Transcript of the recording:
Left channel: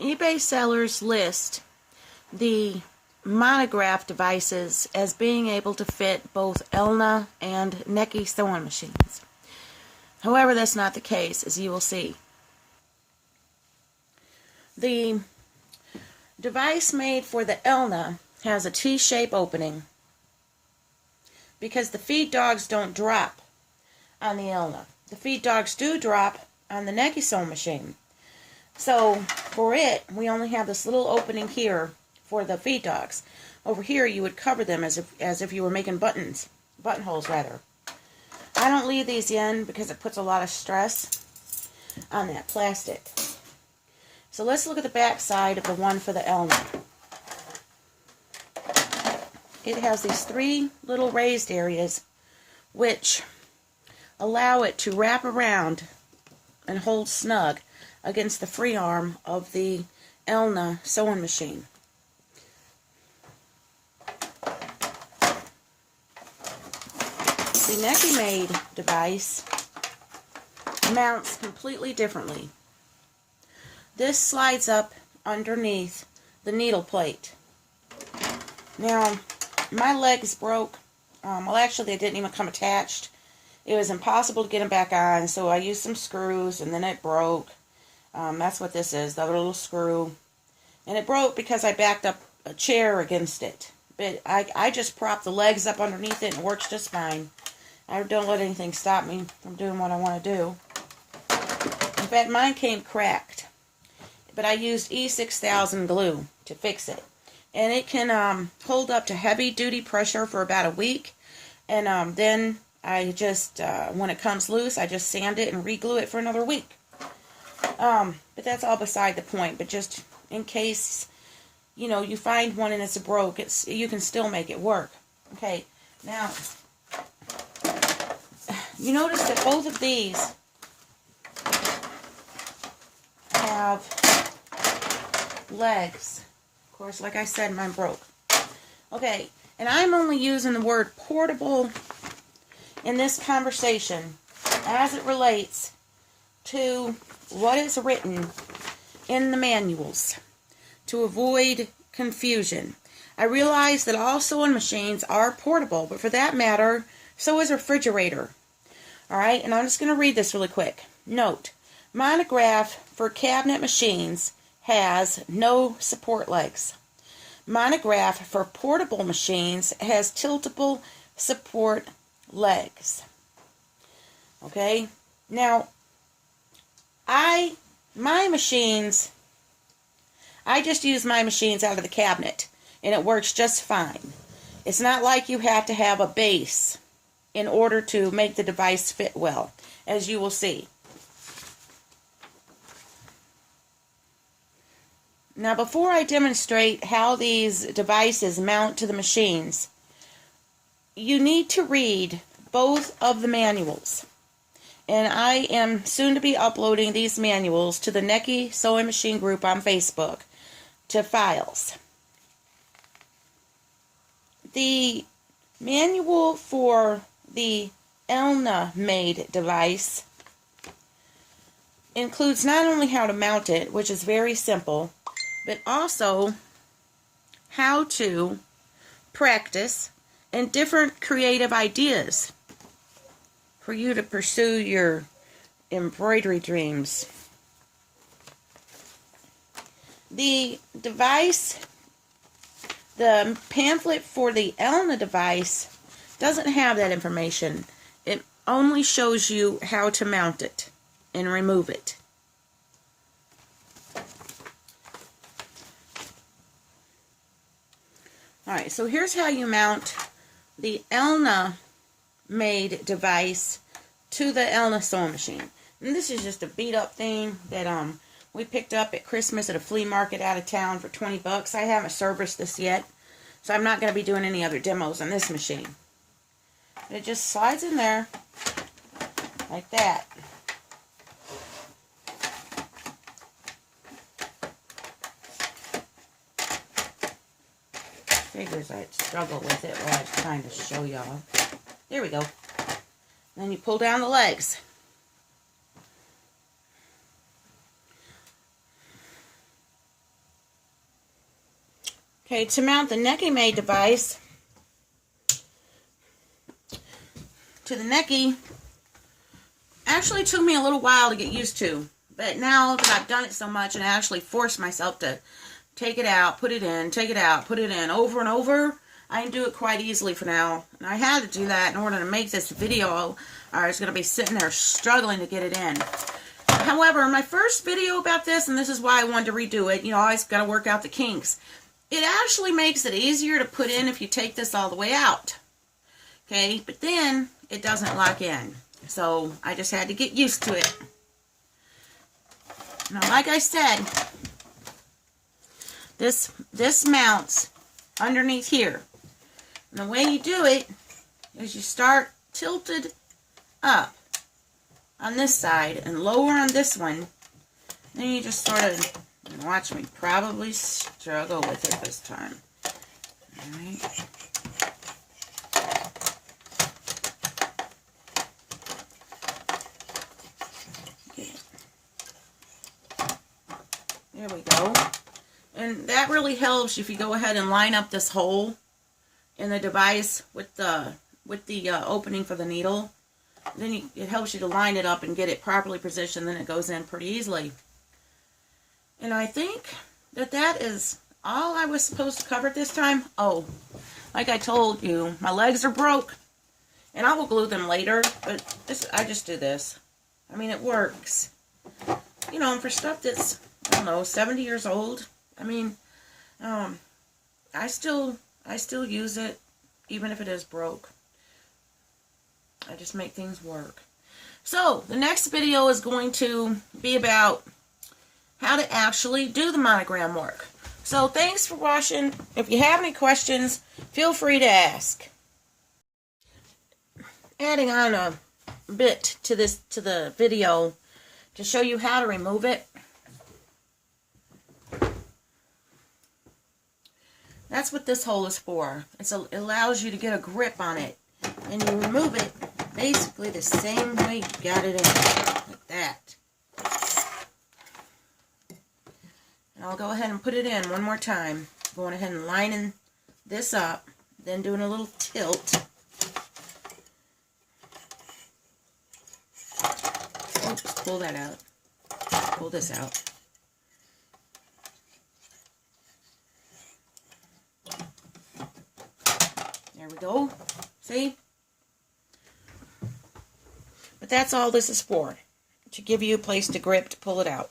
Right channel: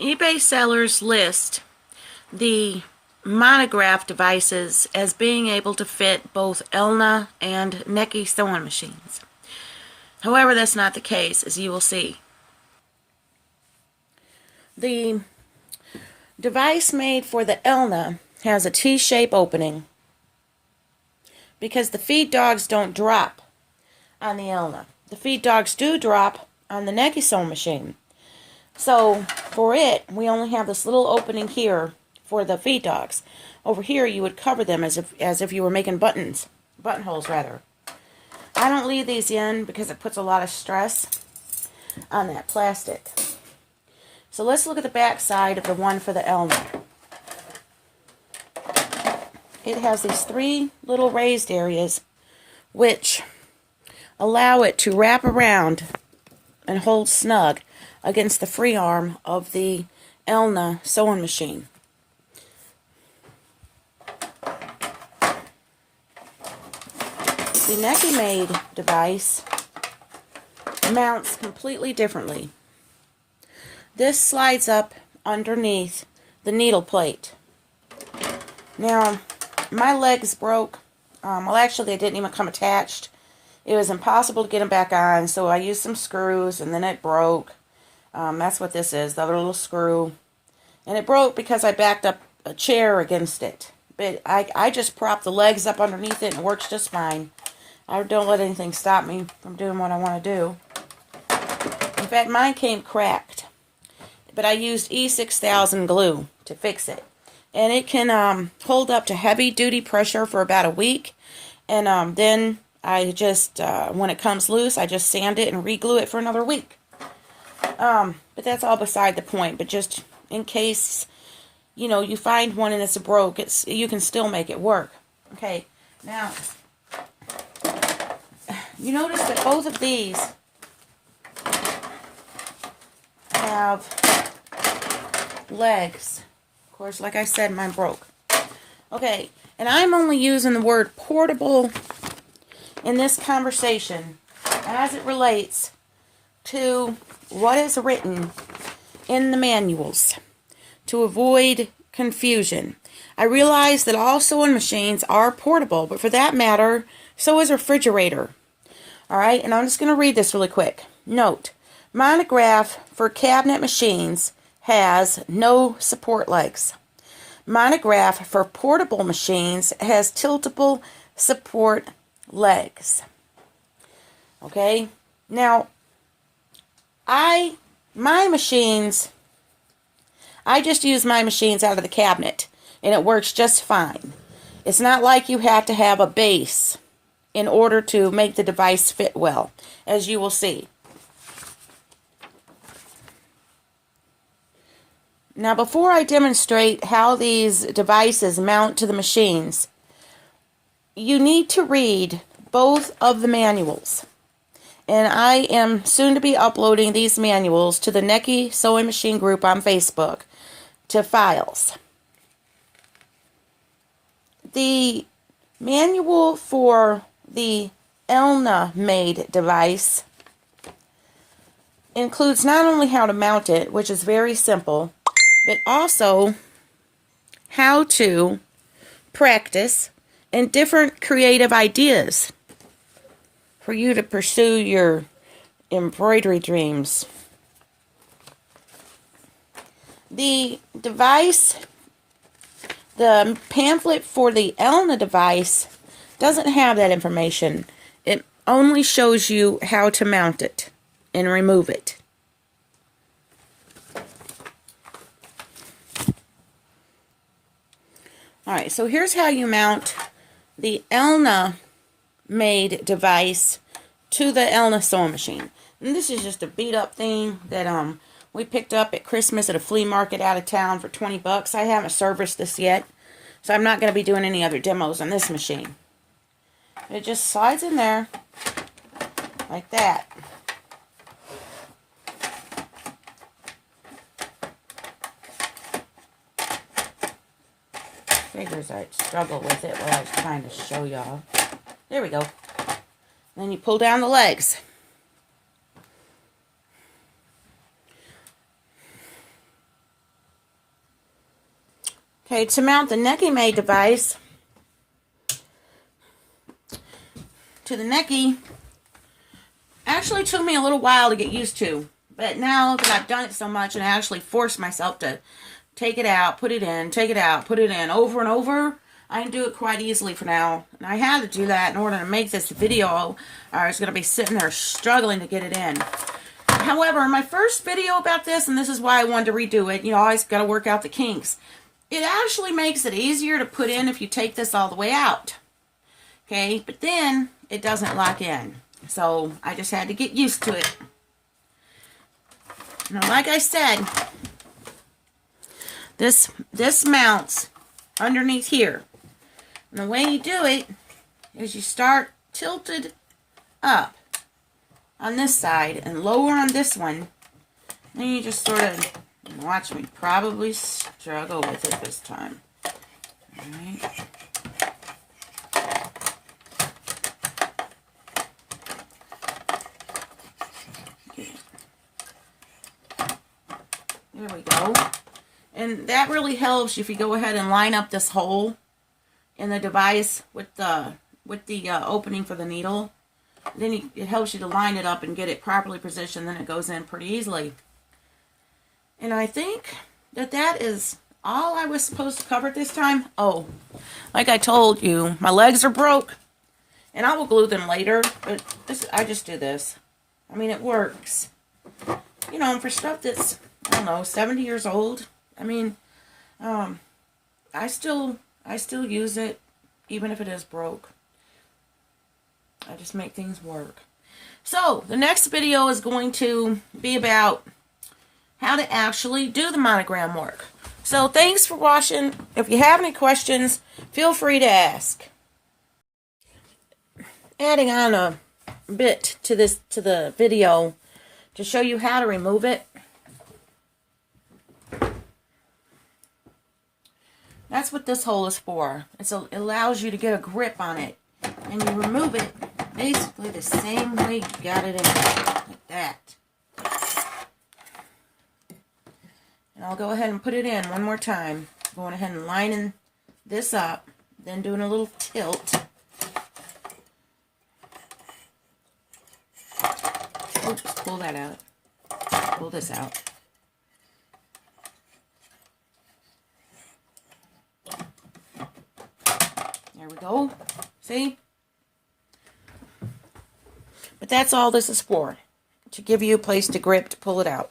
eBay sellers list the monograph devices as being able to fit both Elna and Necchi sewing machines. However, that's not the case, as you will see. The device made for the Elna has a T-shape opening because the feed dogs don't drop on the Elna. The feed dogs do drop on the Necchi sewing machine. So for it, we only have this little opening here for the feed dogs. Over here, you would cover them as if you were making buttonholes rather. I don't leave these in because it puts a lot of stress on that plastic. So let's look at the back side of the one for the Elna. It has these 3 little raised areas which allow it to wrap around and hold snug against the free arm of the Elna sewing machine. The Necchi made device mounts completely differently. This slides up underneath the needle plate. Now, my legs broke. Well, actually, they didn't even come attached. It was impossible to get them back on, so I used some screws, and then it broke. That's what this is, the other little screw. And it broke because I backed up a chair against it. But I just propped the legs up underneath it, and it works just fine. I don't let anything stop me from doing what I want to do. In fact, mine came cracked. But I used E6000 glue to fix it. And it can hold up to heavy-duty pressure for about a week. And then I just, when it comes loose, I just sand it and re-glue it for another week. But that's all beside the point. But just in case, you know, you find one and it's broke, you can still make it work. Okay, now, you notice that both of these have legs. Of course, like I said, mine broke. Okay, and I'm only using the word portable in this conversation as it relates to what is written in the manuals to avoid confusion. I realize that all sewing machines are portable, but for that matter, so is a refrigerator. Alright, and I'm just going to read this really quick. Note, monograph for cabinet machines has no support legs. Monograph for portable machines has tiltable support legs. Okay, now, my machines, I just use my machines out of the cabinet, and it works just fine. It's not like you have to have a base in order to make the device fit well, as you will see. Now, before I demonstrate how these devices mount to the machines, you need to read both of the manuals. And I am soon to be uploading these manuals to the Necchi Sewing Machine group on Facebook to files. The manual for the Elna made device includes not only how to mount it, which is very simple, but also how to practice and different creative ideas for you to pursue your embroidery dreams. The device, the pamphlet for the Elna device doesn't have that information. It only shows you how to mount it and remove it. Alright, so here's how you mount the Elna made device to the Elna sewing machine. And this is just a beat up thing that we picked up at Christmas at a flea market out of town for 20 bucks. I haven't serviced this yet, so I'm not going to be doing any other demos on this machine. It just slides in there like that. Figures I'd struggle with it while I was trying to show y'all. There we go. Then you pull down the legs. Okay, to mount the Necchi made device to the Necchi actually took me a little while to get used to. But now that I've done it so much and I actually force myself to take it out, put it in, take it out, put it in over and over, I can do it quite easily for now. And I had to do that in order to make this video, or I was going to be sitting there struggling to get it in. However, my first video about this, and this is why I wanted to redo it, you know, I always got to work out the kinks. It actually makes it easier to put in if you take this all the way out. Okay, but then it doesn't lock in. So I just had to get used to it. Now, like I said, this mounts underneath here. And the way you do it is you start tilted up on this side and lower on this one. Then you just sort of, watch me probably struggle with it this time. Alright. There we go. And that really helps if you go ahead and line up this hole in the device with the opening for the needle. Then it helps you to line it up and get it properly positioned. Then it goes in pretty easily. And I think that is all I was supposed to cover this time. Oh, like I told you, my legs are broke. And I will glue them later. But I just do this. I mean, it works. You know, for stuff that's, I don't know, 70 years old. I mean, I still use it, even if it is broke. I just make things work. So, the next video is going to be about how to actually do the monogram work. So, thanks for watching. If you have any questions, feel free to ask. Adding on a bit to the video to show you how to remove it. That's what this hole is for. It allows you to get a grip on it. And you remove it basically the same way you got it in, like that. And I'll go ahead and put it in one more time. Going ahead and lining this up, then doing a little tilt. Oops, pull that out. Pull this out. There we go. See? But that's all this is for. To give you a place to grip to pull it out.